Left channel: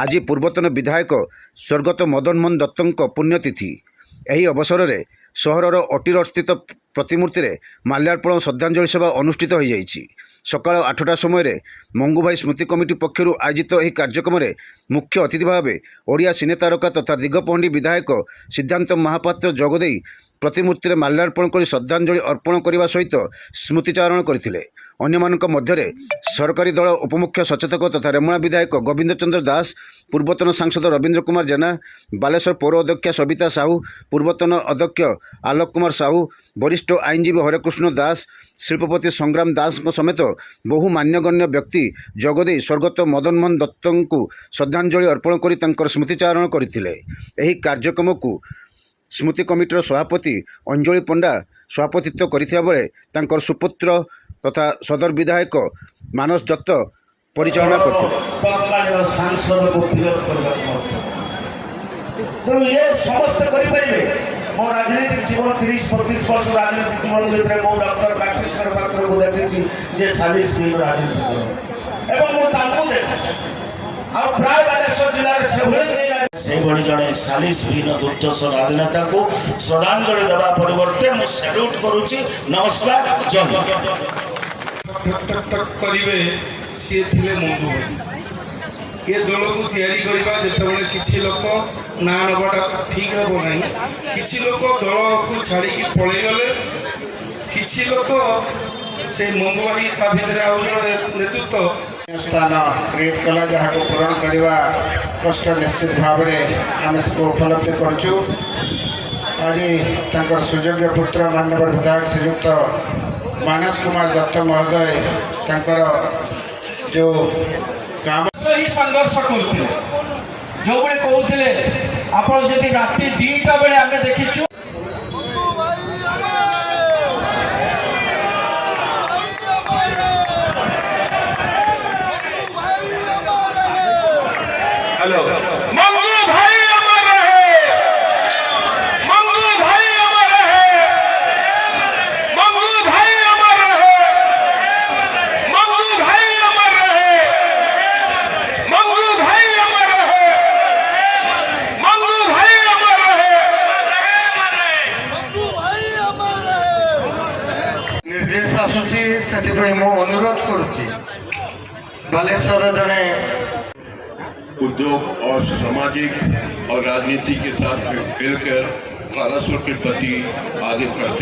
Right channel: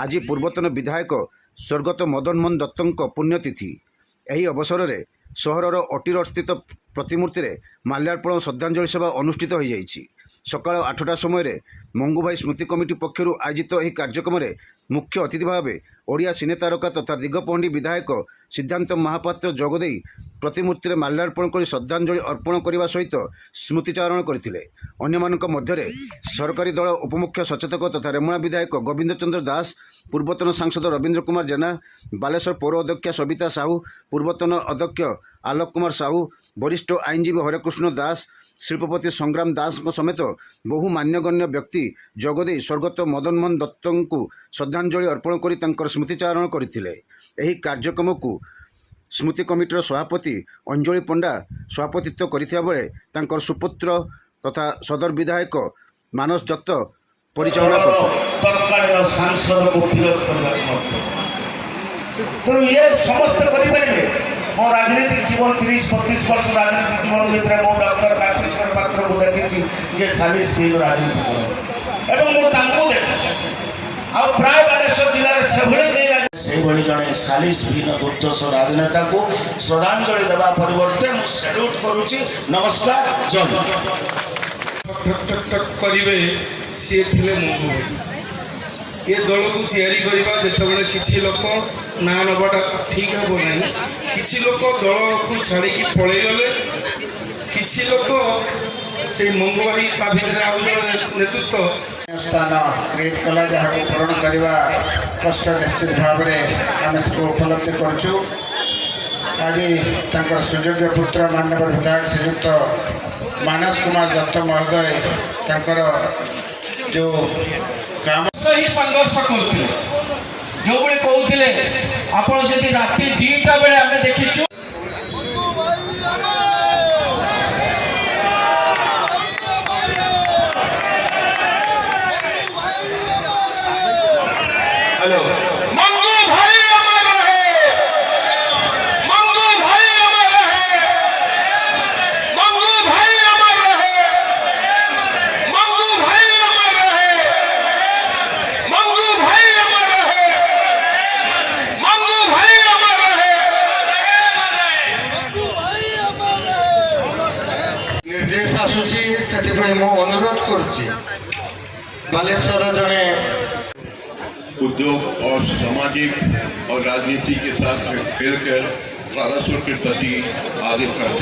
आज पूर्वतन विधायक स्वर्गत मदन मोहन दत्तों पुण्यतिथि। ଏହି ଅବସରରେ ସହରର ଅଟିର ସ୍ଥିତ ପ୍ରତିମୂର୍ତ୍ତିରେ ମାଲ୍ୟାର୍ପଣ ଓ ଶ୍ରଦ୍ଧାଞ୍ଜଳି ସଭା ଅନୁଷ୍ଠିତ ହୋଇଯାଇଛି। ସକାଳ 8ଟା ସମୟରେ ମଙ୍ଗୁଭାଇ ସ୍ମୃତି କମିଟି ପକ୍ଷରୁ ଆୟୋଜିତ ଏହି କାର୍ଯ୍ୟକ୍ରମରେ ମୁଖ୍ୟ ଅତିଥି ଭାବେ ଓଡ଼ିଆ ସିନେ ତାରକା ତଥା ଦିଗପହଣ୍ଡି ବିଧାୟକ ସିଦ୍ଧାନ୍ତ ମହାପାତ୍ର ଯୋଗଦେଇ ପ୍ରତିମୂର୍ତ୍ତିରେ ମାଲ୍ୟାର୍ପଣ କରି ଶ୍ରଦ୍ଧାଞ୍ଜଳି ଅର୍ପଣ କରିବା ସହିତ ସ୍ମୃତିଚାରଣ କରିଥିଲେ। ଅନ୍ୟମାନଙ୍କ ମଧ୍ୟରେ ସରକାରୀ ଦଳ ଉପମୁଖ୍ୟ ସଚେତକ ତଥା ରେମୁଣା ବିଧାୟକ ଗୋବିନ୍ଦ ଚନ୍ଦ୍ର ଦାସ, ପୂର୍ବତନ ସାଂସଦ ରବୀନ୍ଦ୍ର କୁମାର ଜେନା, ବାଲେଶ୍ୱର ପୌର ଅଧ୍ୟକ୍ଷା ସବିତା ସାହୁ, ପୂର୍ବତନ ଅଧ୍ୟକ୍ଷ ଆଲୋକ କୁମାର ସାହୁ, ବରିଷ୍ଠ ଆଇନଜୀବୀ ହରେକୃଷ୍ଣ ଦାସ, ଶିଳ୍ପପତି ସଂଗ୍ରାମ ଦାସଙ୍କ ସମେତ ବହୁ ମାନ୍ୟଗଣ୍ୟ ବ୍ୟକ୍ତି ଯୋଗଦେଇ ସ୍ୱର୍ଗତ ମଦନ ମୋହନ ଦତ୍ତଙ୍କୁ ଶ୍ରଦ୍ଧାଞ୍ଜଳି ଅର୍ପଣ କରି ତାଙ୍କର ସ୍ମୃତିଚାରଣ କରିଥିଲେ। ଏହି କାର୍ଯ୍ୟକ୍ରମକୁ ସ୍ମୃତି କମିଟିର ସଭାପତି ଅଞ୍ଜଳି ପଣ୍ଡା ସଭାପତିତ୍ୱ କରିଥିବା ବେଳେ ତାଙ୍କର ସୁପୁତ୍ର ତଥା ସଦର ବିଧାୟକ ମାନସ ଦତ୍ତ ପରିଚାଳନା କରିଥିଲେ। ତତ୍କାଳୀନ ସାଂସଦକୁ ବିରୋଧ କରିବାକୁ ତେଣୁ ଇଏ ସମସ୍ତେ କରିପାରିବେ। ମୋ ରାଜନୈତିକ ଜୀବନ 30-32 ବର୍ଷ ରାଜନୈତିକ ଜୀବନ ଭିତରେ ମୁଁ ଡକ୍ଟର କାର୍ତ୍ତିକେଶ୍ୱର ପାତ୍ରକୁ ଦେଖିଛି ଯେ ସାଲିସ ବିହୀନ ରାଜନୀତି କରନ୍ତି ଏବଂ ମୁଁ ତାଙ୍କୁ ଦେଖିଛି। ଆଉ ପ୍ରାୟ ବାଲେଶ୍ୱର ଜିଲ୍ଲାରେ ସେଭଳି ଜଣେ ସାଲିସ ବିହୀନ ଦୁର୍ଦ୍ଦଶ ରାଜନେତାକୁ ଶ୍ରଦ୍ଧାଞ୍ଜଳି ଦେବା ପରିବର୍ତ୍ତେ ମୁଁ ସାଲ୍ୟୁଟ୍ କରୁଛି। ନମସ୍କାର, ଜୟ ହିନ୍ଦ। କରିବେ ସିଏ ଥିଲେ ମଙ୍ଗୁଭାଇ। ଏ ଦଳକୁ ତିଆରି କରିବା ଯେତେବେଳେ କିଛି ଲୋକ ନାଁ ନେବାଟା ଠିକ୍ ହେବ ନାହିଁ। କିଛି ଲୋକ ଦଳକୁ ଛାଡ଼ିକି ପଳେଇଗଲେ, କିଛି ଲୋକ ସେ ମଙ୍ଗୁଭାଇ ତା ଭିତରେ ଆଉ ଜଣେ ନେତୃତ୍ୱ ସ୍ଥାନ କ୍ରିଏଟ୍ କଲା, ଯାହାକୁ ପୂରଣ କରିବା କଷ୍ଟ ନିଶ୍ଚିତ ଭାବରେ ଆମେ ସବୁ ଉପଲବ୍ଧି କରୁଛୁ। ଆଜି ତାଙ୍କର ସୁଯୋଗ୍ୟ ପୁତ୍ର ମାନ୍ୟବର ବିଧାୟକ ଶ୍ରୀଯୁକ୍ତ ମାନସ କୁମାର ଦତ୍ତ ମହୋଦୟ ତାଙ୍କର ଯେଉଁ କାମ ହିଁ ସଂଘର୍ଷ କରୁଥିଲେ। ଯେଉଁଭଳି କହୁଥିଲେ ଆପଣ ଯଦି ରାତି 2ଟା ବେଳେ ଆମେ ଦେଖିଛୁ निर्देश आसूची से अनुरोध करुच्ची बालेश्वर जड़े उद्योग और सामाजिक और राजनीति के साथ मिलकर बालासुर के प्रति आगे करते